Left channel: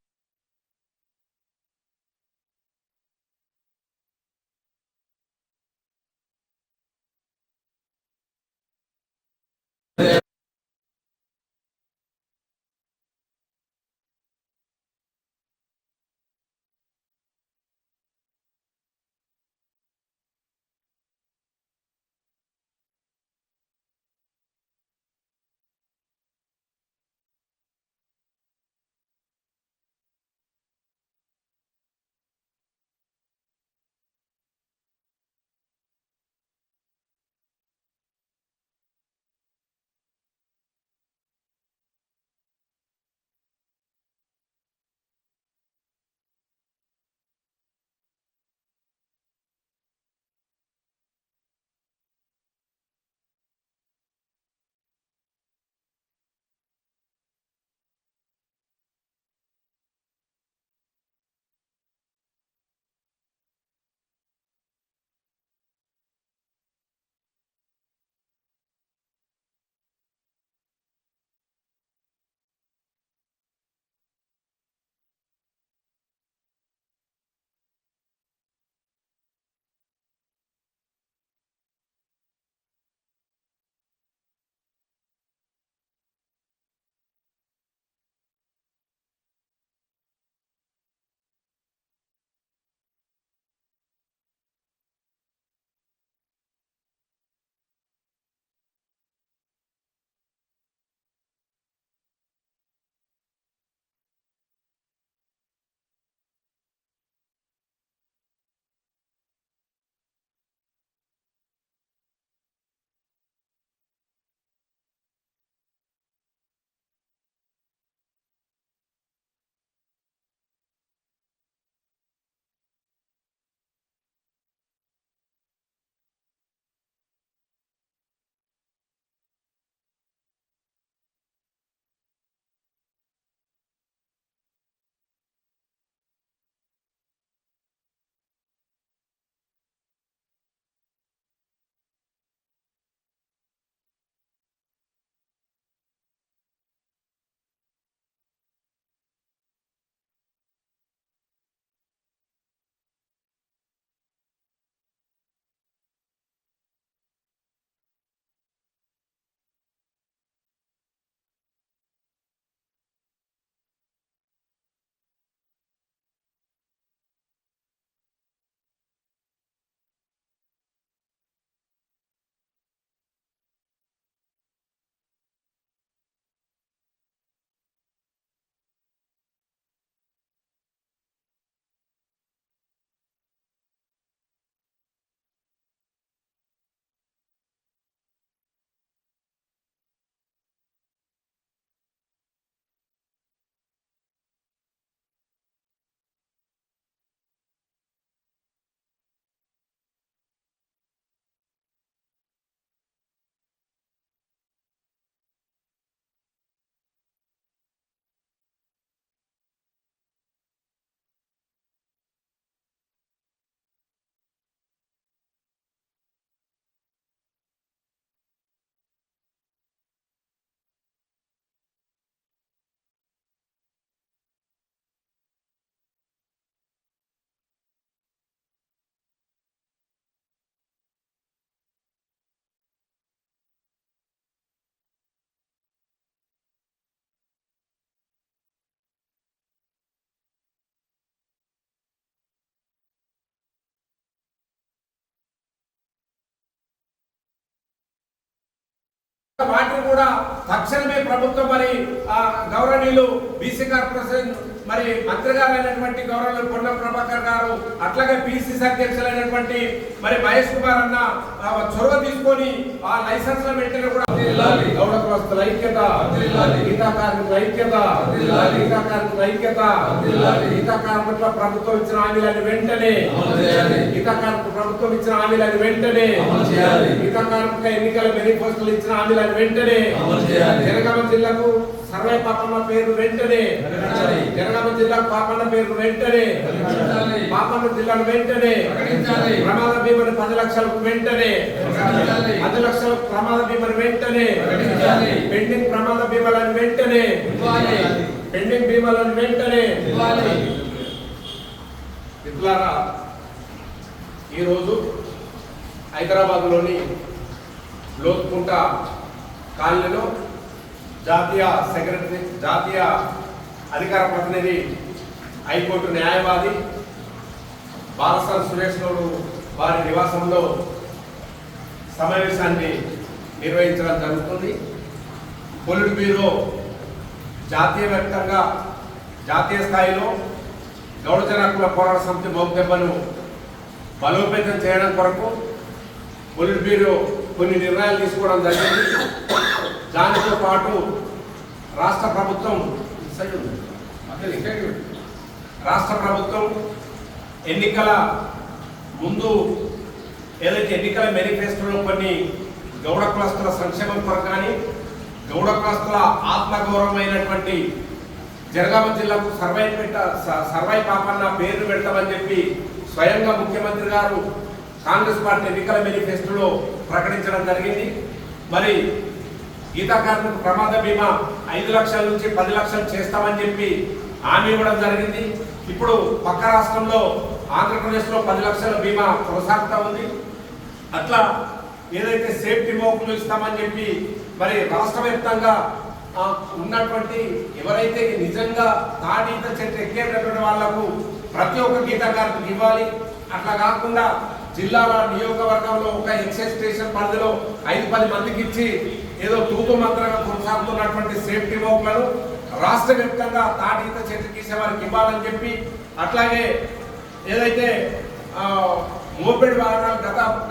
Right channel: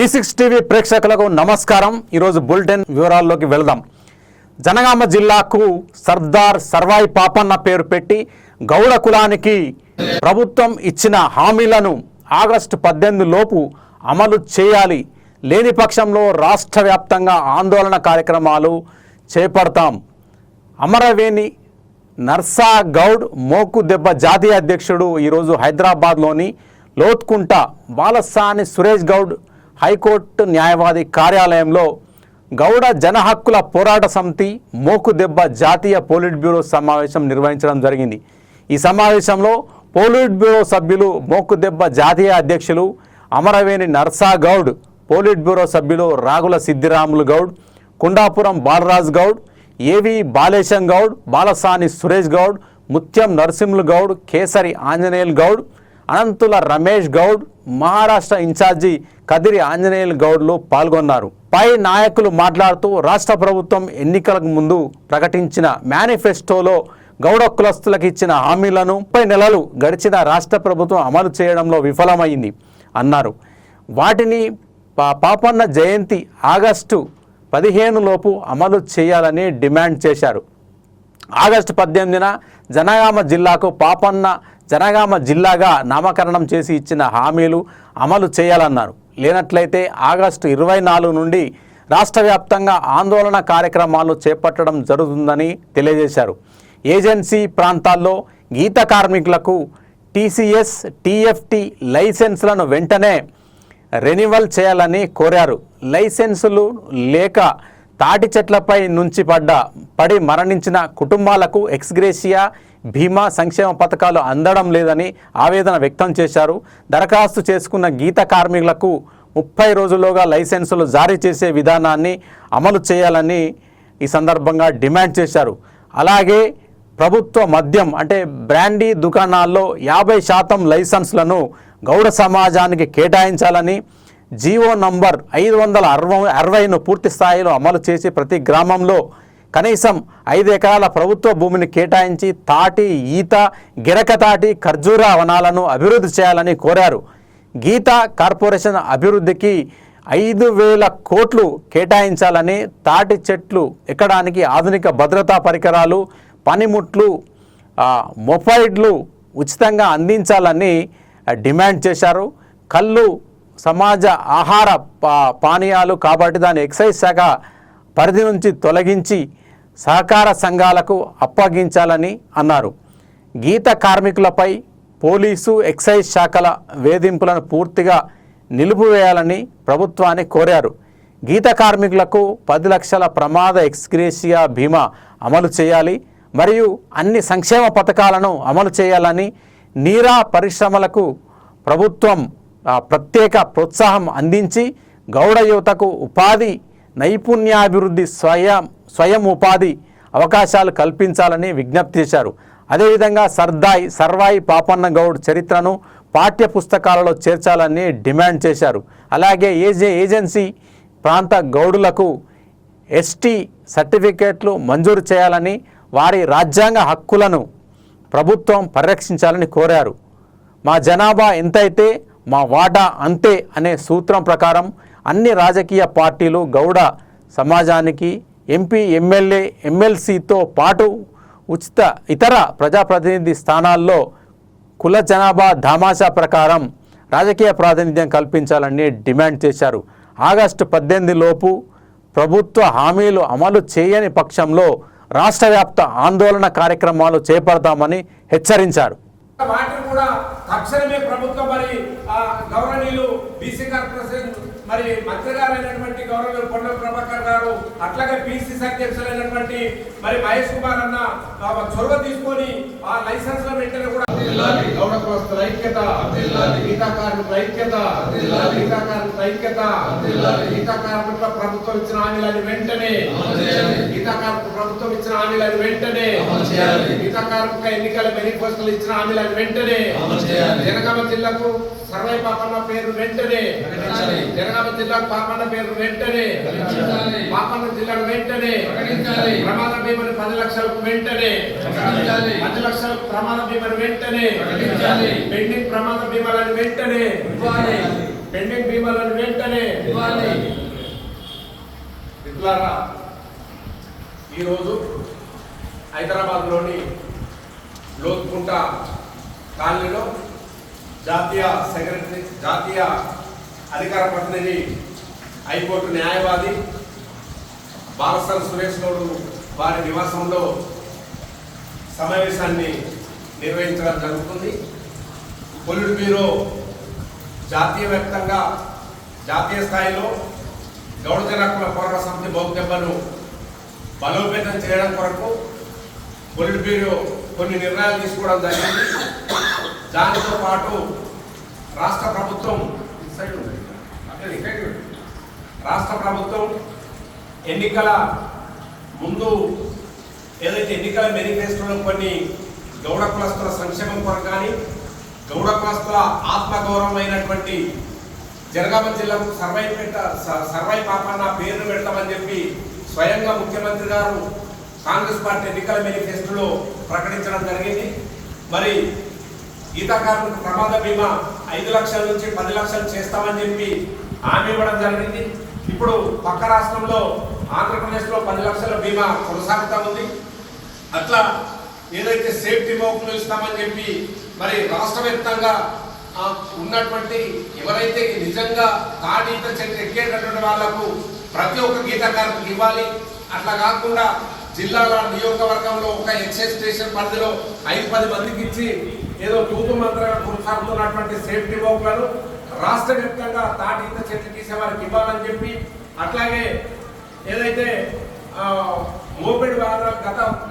E6 TV ప్రేక్షకులకు నమస్కారం। ఈ రోజు బులెటిన్ వివరాల్లోకి వెళ్దాం। జనగామ జిల్లాకు సర్దార్ సర్వాయి పాపన్న పేరు పెట్టి గౌడ కులానికి ప్రభుత్వం ఇచ్చిన హామీలను ఆగస్టు 18 లోపు అమలు చేయాలి, లేని పక్షంలో రాష్ట్ర వ్యాప్తంగా ఆందోళన కార్యక్రమాలు చేపడతాం। అమరవేణి నర్సా గౌడ్ మోకు దెబ్బ జాతీయ అధ్యక్షుడు ఈరోజు హైదరాబాద్లోని లోత్కుంట బాలసాని సురేష్ గౌడ్ హైకోర్టు న్యాయవాది కార్యాలయంలో గౌడ జన హక్కుల పోరాట సమితి మోకు దెబ్బ జాతీయ పోలిట్ బ్యూరో సమావేశం నిర్వహించడం జరిగింది। ఈ సమావేశంలో పోలిట్ బ్యూరో సభ్యులు మోకు దెబ్బ జాతీయ అధ్యక్షులు అమరవేణి నర్సా గౌడ్, పోలిట్ బ్యూరో సభ్యులు రాగుల సిద్ధిరాములు గౌడ్, కుండాపురం బాలరాజ్ గౌడ్, ఏవి బాలేశం గౌడ్, బాలసాని సురేష్ గౌడ్, ముత్యం నరసింహులు గౌడ్, కేసరి ఆంజనేయులు గౌడ్, అనంతుల రమేష్ గౌడ్, మహారాష్ట్ర ఇన్ఛార్జి కదిరి ఆంజనేయులు గౌడ్లు పాల్గొన్నారు। పై నాయకులు మాట్లాడుతూ రాష్ట్ర ప్రభుత్వం ఎన్నికలకు ముందు ప్రకటించిన మేనిఫెస్టోలో గౌడ కులస్తులకు ఇచ్చిన హామీలను 30 నెలలు గడిచిన రాష్ట్ర ప్రభుత్వం అమలు చేయడంలో విఫలమైంది అన్నారు। వాటిని పాపన్న జయంతి ఆగస్టు 15 లోపు అమలు చేయాలని డిమాండ్ చేశారు। ఆగస్టు 18న జనగామ జిల్లాకు పాపన్న జనగామ జిల్లాగా నామకరణం చేసి ఇచ్చిన హామీలు అమలు చేయాలన్నారు। లేనట్లయితే ఆగస్టు 24 నుండి రాష్ట్ర వ్యాప్తంగా ఆందోళన కార్యక్రమాలు చేపట్టడం జరుగుతుందని తెలియజేశారు। ఏజెన్సీ ప్రాంతాల్లో గీత కార్మికులకు టీసీఎస్, టీఎఫ్టీ లైసెన్సులను వెంటనే రెన్యువల్ చేయాలని కోరారు। లైసెన్సులు లేక తాటి చెట్లపై నుంచి పడి మరణించిన కుటుంబాలకు ఎక్స్గ్రేషియా, బీమా, సంక్షేమ పథకాలు అందడం లేదని ఆవేదన వ్యక్తం చేశారు। దరఖాస్తు చేసుకున్న గీత కార్మికులకు 30 రోజుల్లోగా లైసెన్సులు జారీ చేసే విధానాన్ని అమలు చేయాలని ఈ సందర్భంగా డిమాండ్ చేశారు। అలాగే ప్రభుత్వ మద్యం అంటే బ్రాండీ దుకాణాల్లో 50% లైసెన్సులను గౌడ సమాజానికి కేటాయించాలని, జీవో నంబర్ 560ను పూర్తి స్థాయిలో అమలు చేసి ప్రతి గ్రామంలో కనీసం 5 ఎకరాల ప్రభుత్వ భూమిని కేటాయించి తాటి, ఈత, గిరకతాటి, ఖర్జూర వనాలను అభివృద్ధి చేయాలని కోరారు। గీత కార్పొరేషన్ అభివృద్ధికి 5,000 కోట్లు కేటాయించాలని, తాటి చెట్లు ఎక్కడానికి ఆధునిక భద్రతా పరికరాలు, పనిముట్లు, మొబైల్లు ఉచితంగా అందించాలని డిమాండ్ చేశారు। కళ్ళు సమాజ ఆహార పానీయాలు కాబట్టి దాని ఎక్సైజ్ శాఖ పరిధి నుంచి తొలగించి సహకార సంఘాలకు అప్పగించాలని అన్నారు। గీత కార్మికులపై పోలీసు, ఎక్సైజ్ శాఖల వేధింపులను పూర్తిగా నిలిపివేయాలని ప్రభుత్వాన్ని కోరారు। గీత కార్మికులకు 10 లక్షల ప్రమాద ఎక్స్గ్రేషియా బీమా అమలు చేయాలి మరియు అన్ని సంక్షేమ పథకాలను అమలు చేయాలని, నీరా పరిశ్రమలకు ప్రభుత్వం ప్రత్యేక ప్రోత్సాహం అందించి గౌడ యువతకు ఉపాధి, నైపుణ్యాభివృద్ధి, స్వయం ఉపాధి అవకాశాలు కల్పించాలని విజ్ఞప్తి చేశారు। అదేవిధంగా సర్వాయి పాపన్న గౌడ్ చరిత్రను పాఠ్య పుస్తకాలలో చేర్చాలని డిమాండ్ చేశారు। అలాగే ఏజెన్సీ ప్రాంత గౌడులకు ఎస్టీ సర్టిఫికేట్లు మంజూరు చేయాలని, వారి రాజ్యాంగ హక్కులను ప్రభుత్వం పరిరక్షించాలని కోరారు। మా జనాభా ఎంతైతే మా వాటా అంతే అనే సూత్రం ప్రకారం అన్ని రాజకీయ పార్టీలు గౌడ సమాజానికి ఎంపీ, ఎమ్మెల్యే, ఎమ్మెల్సీతో పాటు ఇతర ప్రజాప్రతినిధి స్థానాల్లో కుల జనాభా దామాషా ప్రకారం రాజకీయ ప్రాతినిధ్యం కల్పించాలని డిమాండ్ చేశారు। ఆగస్టు 18 లోపు ప్రభుత్వ హామీలు అమలు చేయని పక్షంలో రాష్ట్ర వ్యాప్త ఆందోళన కార్యక్రమాలు చేపడతామని హెచ్చరించారు। వాటిని కూడా తక్షణమే ప్రభుత్వం మరి గౌరవనీయులు బీసీ కార్పొరేషన్ మరి మంత్రి గారు అయినటువంటి గౌరవ పొన్నం ప్రభాకర్ గారు, అట్లాగే పిసిసి అధ్యక్షులైనటువంటి మరి మహేష్ కుమార్ అన్న చొరవ తీసుకొని ఆ లైసెన్స్ వెంటనే కూడా గౌడ కులస్తుల ఐక్యత, గీతా కార్మికుల ఐక్యత, గీతా కార్మికుల ఐక్యత, గీతా కార్మికుల ప్రభుత్వం ఇచ్చిన హామీలను వెంటనే, గీతా కార్మికుల ప్రభుత్వం ఇచ్చిన హామీలను వెంటనే, గీతా కార్మికుల ఎన్నికల మేనిఫెస్టోలు ఇచ్చిన హామీలను వెంటనే, జనగామ జిల్లాకు సర్వే పాపన్న పేరు వెంటనే, జనగామ జిల్లాకు పాపన్న పేరు వెంటనే, పాపన్న జిల్లాను వెంటనే ప్రమాద బీమాను 10 లక్షలకు వెంటనే, 10 లక్షల ప్రమాద బీమాను వెంటనే, పెండింగ్ ప్రమాద బీమాలను వెంటనే పెండింగ్ బీమాలను వెంటనే మిత్రులారా, ఈరోజు హైదరాబాద్లోని లోత్కుంట కాలనీలో జాతీయ అధికార ప్రతినిధి హైకోర్టు న్యాయవాది బాలసర్ సురేష్ గౌడ్ వారి నివాసంలో సమావేశాన్ని నిర్వహించడం జరుగుతుంది. పొలిట్ బ్యూరో జాతీయ స్థాయిలో గౌడ జన పోరాట సమితి మోగ్దెబ్బను బలోపేతం చేయడం కొరకు పొలిట్ బ్యూరో కొన్ని నిర్ణయాలు తీసుకోవడం జరిగింది. దానితో పాటు రాష్ట్ర ప్రభుత్వం ఎన్నికల ముందు ఏదైతే ఎన్నికల మేనిఫెస్టోలో కొన్ని గౌడ కులస్తుల సంక్షేమం కొరకు కానీ గౌడ కులస్తుల ఆత్మగౌరవమైనటువంటి జనగామ జిల్లాకు సర్వై పాపన్న పేరు పెడతామని చెప్పి స్వయంగా ముఖ్యమంత్రి గారు కాంగ్రెస్ పార్టీ ఎన్నికల మేనిఫెస్టోలో ప్రకటించడం జరిగింది. మరి గీతా కార్మిక ప్రమాద బీమా 5 లక్షల నుంచి 10 లక్షలు చేస్తామని చెప్పి హామీ ఇవ్వడం జరిగింది. ఇప్పుడు పక్క రాష్ట్రంలో ఆంధ్రప్రదేశ్లో 10 లక్షల బీమా కొనసాగుతూ ఉంది. అట్లా ఏదైతే సేఫ్టీ మోకులు ఇస్తామని చెప్పి మరి రాష్ట్ర వ్యాప్తంగా ఉన్నటువంటి ఎవరైతే నిజంగా తాడీత చెట్టు ఎక్కేటటువంటి వాళ్లకు ప్రతి ఒక్క గీతా కార్మికు ఇవ్వాలి. అట్లా కాకుండా జిల్లాల నియోజకవర్గంలో ఒక ఎక్సైజ్ స్టేషన్ పరిధిలో 5-10 మందికి ఇచ్చి ఏదో తూతు మంత్రంగా కొనసాగుతున్నటువంటి సేఫ్టీ మోకులను రాష్ట్ర వ్యాప్తంగా తాడీత చెట్లు గీసే వారికి ఇవ్వాలని చెప్పి, అట్లాగే ఏదైతే మోపెడ్ వాహనాలు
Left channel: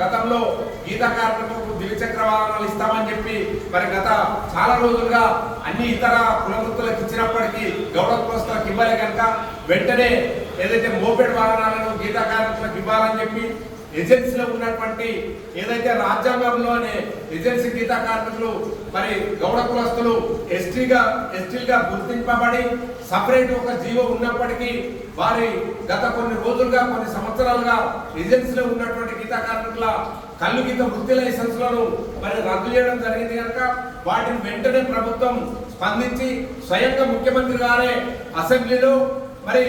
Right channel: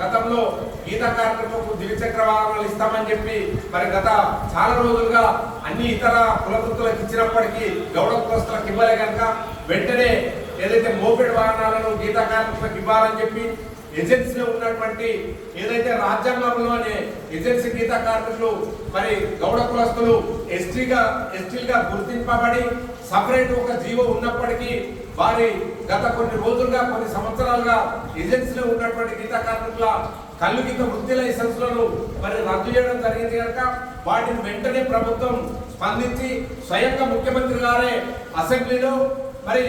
గతంలో గీతా కార్మికులకు ద్విచక్ర వాహనాలు ఇస్తామని చెప్పి మరి గత చాలా రోజులుగా అన్ని ఇతర కుల వృత్తులకు ఇచ్చినప్పటికీ గౌడ కులస్తులకు ఇవ్వలే కనుక వెంటనే ఏదైతే మోపెడ్ వాహనాలను గీతా కార్మికులకు ఇవ్వాలని చెప్పి ఏజెన్సీలో ఉన్నటువంటి ఏదైతే రాజ్యాంగంలోనే ఏజెన్సీ గీతా కార్మికులు మరి గౌడ కులస్తులు ఎస్టీలుగా గుర్తింపబడి సపరేట్ ఒక జీవో ఉన్నప్పటికీ వారి గత కొన్ని రోజులుగా కొన్ని సంవత్సరాలుగా ఏజెన్సీలో ఉన్నటువంటి గీతా కార్మికుల కళ్ళు గీత వృత్తి లైసెన్స్లను మరి రద్దు చేయడం జరిగింది కనుక వాటిని వెంటనే ప్రభుత్వం స్పందించి స్వయంగా ముఖ్యమంత్రి గారే అసెంబ్లీలో మరి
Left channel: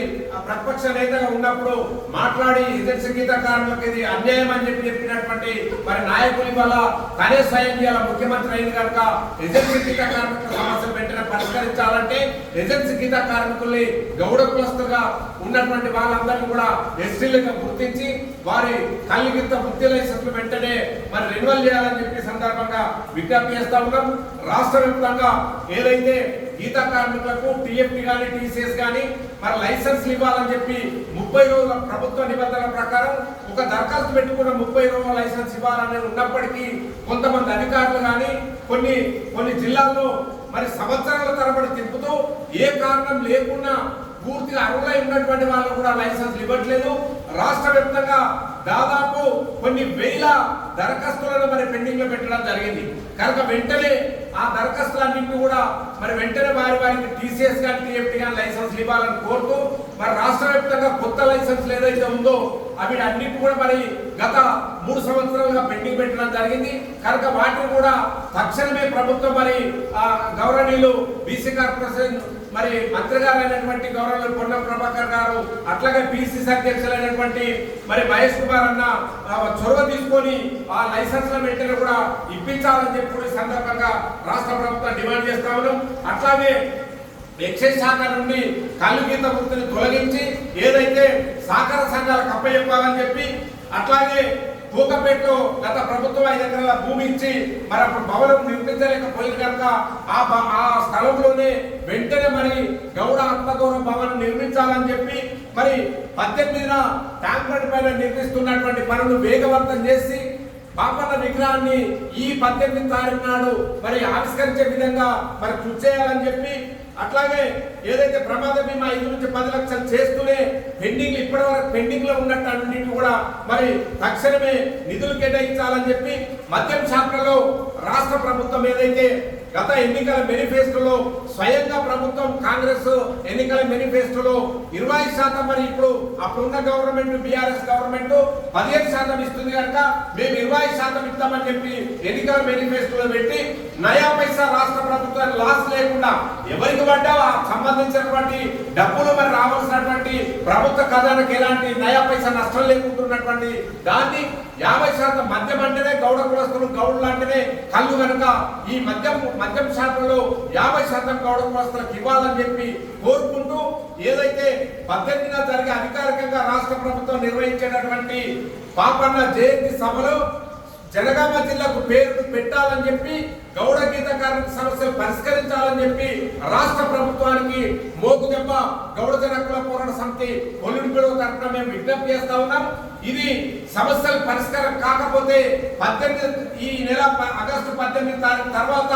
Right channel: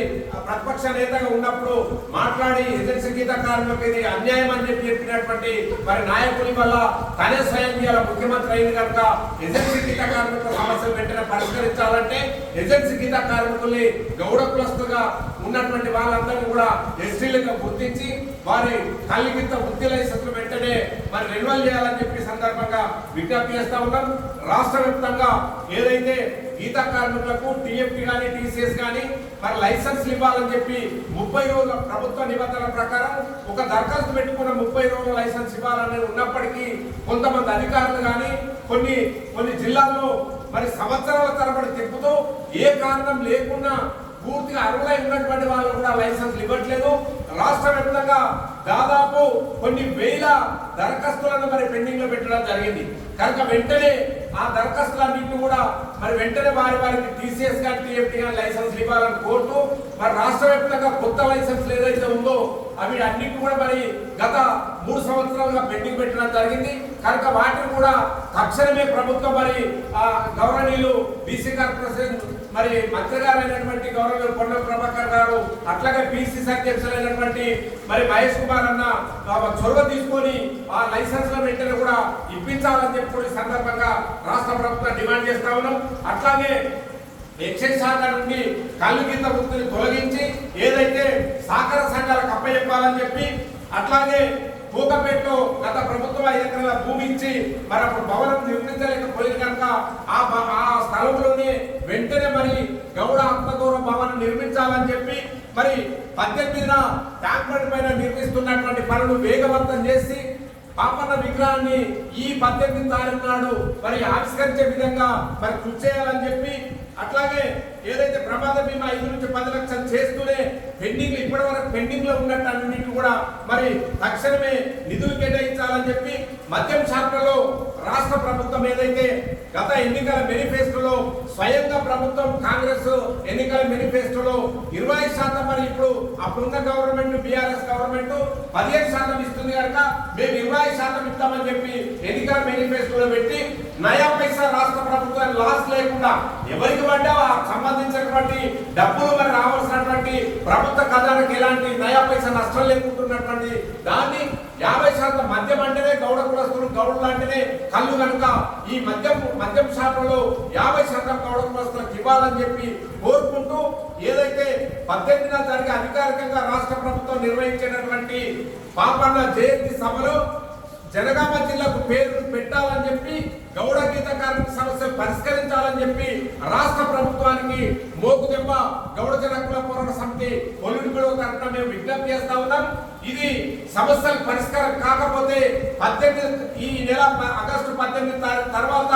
ప్రతిపక్ష నేతగా ఉన్నప్పుడు మాట్లాడి ఏజెన్సీ గీతా కార్మికులకు ఇది అన్యాయం అని చెప్పినటువంటి మరి నాయకుల వల్ల తనే స్వయం చేయాల ముఖ్యమంత్రి అయింది కనుక ఏజెన్సీ గీతా కార్మికుల సమస్యలు వెంటనే పరిష్కరించాలంటే ఏజెన్సీ గీతా కార్మికుల్ని గౌడ కులస్తులుగా ఉన్నటువంటి వాళ్ళందరినీ కూడా ఎస్టీలుగా గుర్తించి వారి కళ్ళు గీత వృత్తి లైసెన్స్లు వెంటనే మరి రెన్యువల్ చేయాలని చెప్పి సందర్భంగా విజ్ఞప్తి చేస్తా ఉన్నాం. రాష్ట్ర వ్యాప్తంగా ఏదైతే గీతా కార్మికులకు టీఎఫ్టీ కానీ టీసీఎస్ కానీ మరి లైసెన్స్ ఇవ్వాలని చెప్పి 30 రోజుల ప్రభుత్వ నిబంధనల ప్రకారం ఒక దరఖాస్తు పెట్టుకున్న 30 రోజుల లైసెన్స్ ఇవ్వాలని ఉన్నప్పటికీ కొంతమంది అధికారులు కానీ కొన్ని జిల్లాల్లో మరి సంవత్సరాల తరబడి తిప్పుతూ ఏ కారణం లేకుండా పూర్తిగా అర్హులై ఉన్నటువంటి వాళ్ళు కూడా లైసెన్స్ ఇవ్వట్లేదు. రాష్ట్ర వ్యాప్తంగా దాదాపు కొన్ని వేల దరఖాస్తులను మరి పెండింగ్ లో పెట్టడం జరిగింది కనుక వెంటనే ఆ దరఖాస్తులన్నింటినీ కూడా మరి వెంటనే వారికి టీసీఎస్ కానీ టీఎఫ్టీ కానీ లైసెన్స్ ఇవ్వాలని కోరుతూ మరి రాష్ట్ర వ్యాప్తంగా కొత్త లైసెన్స్ ఏదైతే ఉందో అవి అన్నింటినీ కూడా మరి గత 3 సంవత్సరాలుగా పెండింగ్ పెట్టడం జరిగింది కనుక వాటిని కూడా తక్షణమే ప్రభుత్వం మరి గౌరవనీయులు బీసీ కార్పొరేషన్ మరి మంత్రి గారు అయినటువంటి గౌరవనీయులు పొన్నం ప్రభాకర్ గారు అట్లాగే బీసీసీ అధ్యక్షులైనటువంటి మరి మహేష్ కుమార్ అన్న చొరవ తీసుకొని ఆ లైసెన్స్ల వెంటనే కూడా ఇప్పించాలని చెప్పి సందర్భంగా రాష్ట్ర ప్రభుత్వం డిమాండ్ చేస్తా ఉన్నాం. అట్లాగే ఎక్సైజ్ శాఖ నుండి కళ్ళు గీత వృత్తిని తొలగించి ఏదైతే సహకార సంఘాలకు అప్పచెప్పాలని చెప్పి అట్లాగే తూకపేటలో గత ప్రభుత్వం 5 ఎకరాల భూమి ఇచ్చి మరి అప్పుడు భవనం నిర్మించలేకపోయింది కనుక ఆ స్థలంలోనే వెంటనే మరి గౌడ ఆత్మగౌరవ భవనం నిర్మించాలని చెప్పి మరి 18న ట్యాంక్ బండ్ పైన నిర్మిస్తున్నటువంటి పనులు వేగవంతం చేసి పాపన్న విగ్రహాన్ని ఈ 18 తారీఖు నాడు మరి ఆవిష్కరించే విధంగా మరి కృషి చేయాలని చెప్పి అట్లాగే ఏదైతే ప్రమాద బీమా 5 నుంచి 10 లక్షలు చేస్తూనే పెండింగ్ ఇప్పటి వరకు పెండింగ్ లో ఉన్నట్టు అన్నింటినీ కూడా మరి తక్షణమే నిధులు కేటాయించాలని చెప్పి మద్యం శాఖలో రాష్ట్ర ప్రభుత్వం ఏదైతే గత ఎన్నికల మేనిఫెస్టోలో స్వయంగా ప్రభుత్వం కాంగ్రెస్ ఎన్నికల మేనిఫెస్టోలో 20% మరి ఇప్పుడు అప్పుడున్న గవర్నమెంట్ బీఆర్ఎస్ గవర్నమెంట్ 15% ఇస్తుంది కనుక మేము 20% ఇస్తామని చెప్పి ఎన్నికల మేనిఫెస్టోలో పెట్టి నయా పైసా రాష్ట్ర ప్రభుత్వాన్ని లాస్ లేకుండా ఎవరికి పడ్డా సంబంధించినటువంటి డబ్బులు మరి రావాల్సినటువంటి ప్రభుత్వ ఖజానాకి ఎలాంటి నయా పైసా నష్టం లేకుంటున్నటువంటి దాన్ని 50% మద్యం అంటేనే గౌడ కులస్తులు, గౌడులు అంటేనే కళ్ళు కనుక ఈ మద్యం శాతంలో 50% గౌడ కులస్తులకు ఇవ్వాలని చెప్పి కోరుకుంటూ ఏదైతే 18న జరిగే అధికారికంగా రాష్ట్ర ప్రభుత్వం నిర్వహించేటటువంటి పాపన్న జయంతి సభలో జనగామ జిల్లాకు పేరు పెట్టాలని చెప్పి గౌడ గీత కార్మిక సమస్యలు పరిష్కరించాలని చెప్పి రాష్ట్ర ప్రభుత్వానికి మోకుదెబ్బ గౌడ జన కుల పోరాట సమితి కొల్లుడిపిలో తరఫున మేము విజ్ఞప్తి చేస్తా ఉన్నాం. ఇది సమస్యలు పరిష్కారం కాకపోతే 18 ఈ నెల ఆగస్టు 18 తారీఖు తర్వాత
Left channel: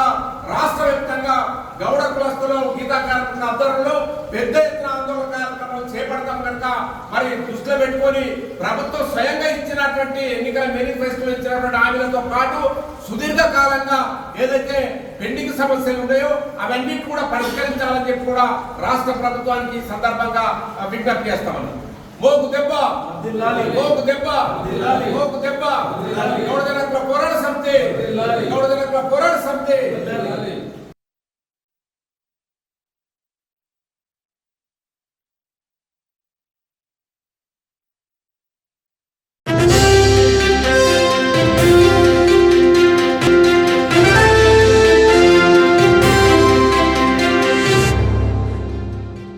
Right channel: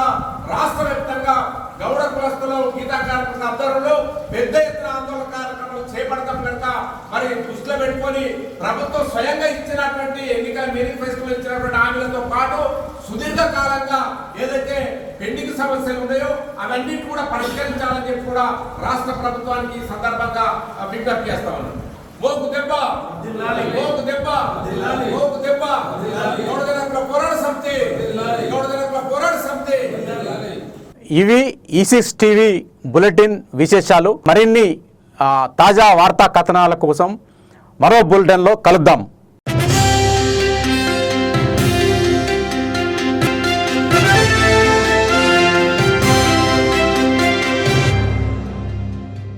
రాష్ట్ర వ్యాప్తంగా గౌడ కులస్తులు గీతా కార్మికుల ఆధ్వర్యంలో పెద్ద ఎత్తున ఆందోళన కార్యక్రమాలు చేపడతాం కనుక మరి దృష్టిలో పెట్టుకొని ప్రభుత్వం స్వయంగా ఇచ్చినటువంటి ఎన్నికల మేనిఫెస్టోలో ఇచ్చినటువంటి హామీలతో పాటు సుదీర్ఘ కాలంగా ఏదైతే పెండింగ్ సమస్యలు ఉన్నాయో అవన్నీ కూడా పరిష్కరించాలని చెప్పి కూడా రాష్ట్ర ప్రభుత్వానికి ఈ సందర్భంగా విజ్ఞప్తి చేస్తా ఉన్నాం. మోకు దెబ్బ మోకు దెబ్బ మోకు దెబ్బ గౌడ జన కుల పోరాట సమితి గౌడ జన కుల పోరాట సమితి. ఇవి E6 టీవీ బులెటిన్ విశేషాలు. మరిన్ని తాజా వార్తా కథనాల కోసం మరో బులెటిన్లో కలుద్దాం.